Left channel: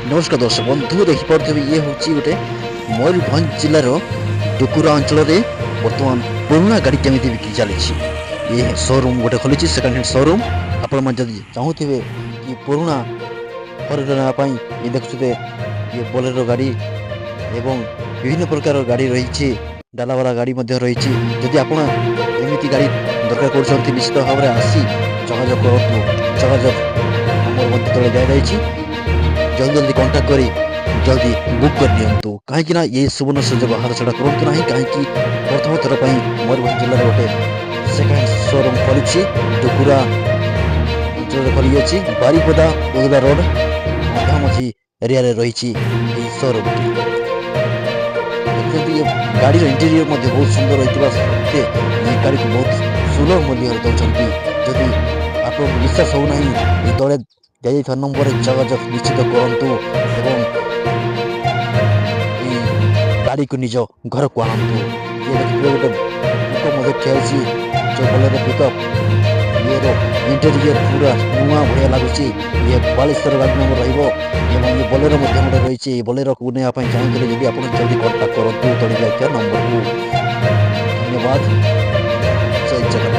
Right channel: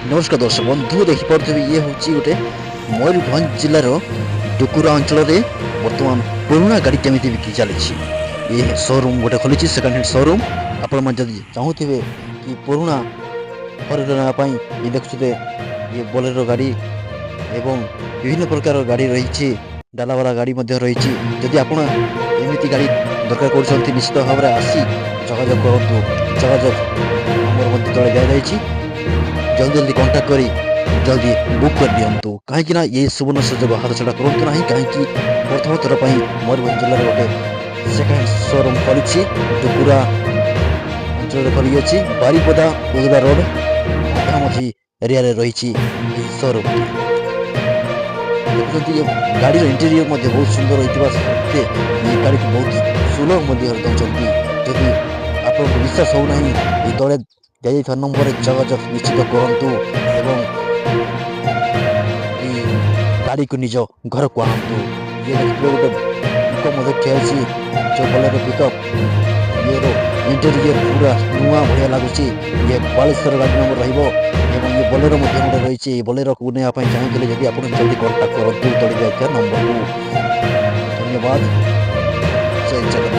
नमस्कार दर्शक बंधु देखिपे ये हूँ गोटे मयूरभंज जिलार डुकुरा अंचल बर्तमान पुराना गाड़ी केमी बिक्री चली ये शोरूम गोटे खोली सेकेंड हैंड शोरूम। आपण मैंने चाहूे कि पुराना हर नापाई ये देखुए ये बोलेरो गाड़ी एवं विभिन्न प्रकार गाड़ी रही डालावाला गाड़ी रही। जदि आप एमती गाड़ी दरकार कर निश्चित भाव में आसी जोगाजोग करूँ। जोगाजोग नंबर मध्य तले दिखाई जल्दी जल्दी कांटेक्ट करी जल्दी बुक कर दिंतु कहीं ये सुवर्ण सुजोग हाथ छड़ा करूँ ना कहीं प्रथम थर पर मयूरभंज जिले में गोटे सेकेंड हैंड शोरूम खोली डुकुरा अंचल खोली बारीपदा उदला रोड मधामझी एरिया रही शोरूम टी। देखते ये गाड़ी इंटीरियर बहुत सुंदर होता सत्वे ये गाड़ी को बहुत सुलभ मूल्य दौरान। जदि आप विश्वास होना ये तले दिया नंबर जोगाजोग निश्चित करूँ एवं गाड़ी को निज घर को आणतु। ये देखिए गोटे पिकअप ठियाई जो बोलेरो पिकअप ये इंटेरियर पूरा नुआ भाया लगुच। ये 42 गाड़ी नंबर ये बोलेरो गोटे रही बोलेरो को नहीं चाहते जब आप जल्दी कांटेक्ट करूँ तले नंबर को। धन्यवाद। जय जगन्नाथ।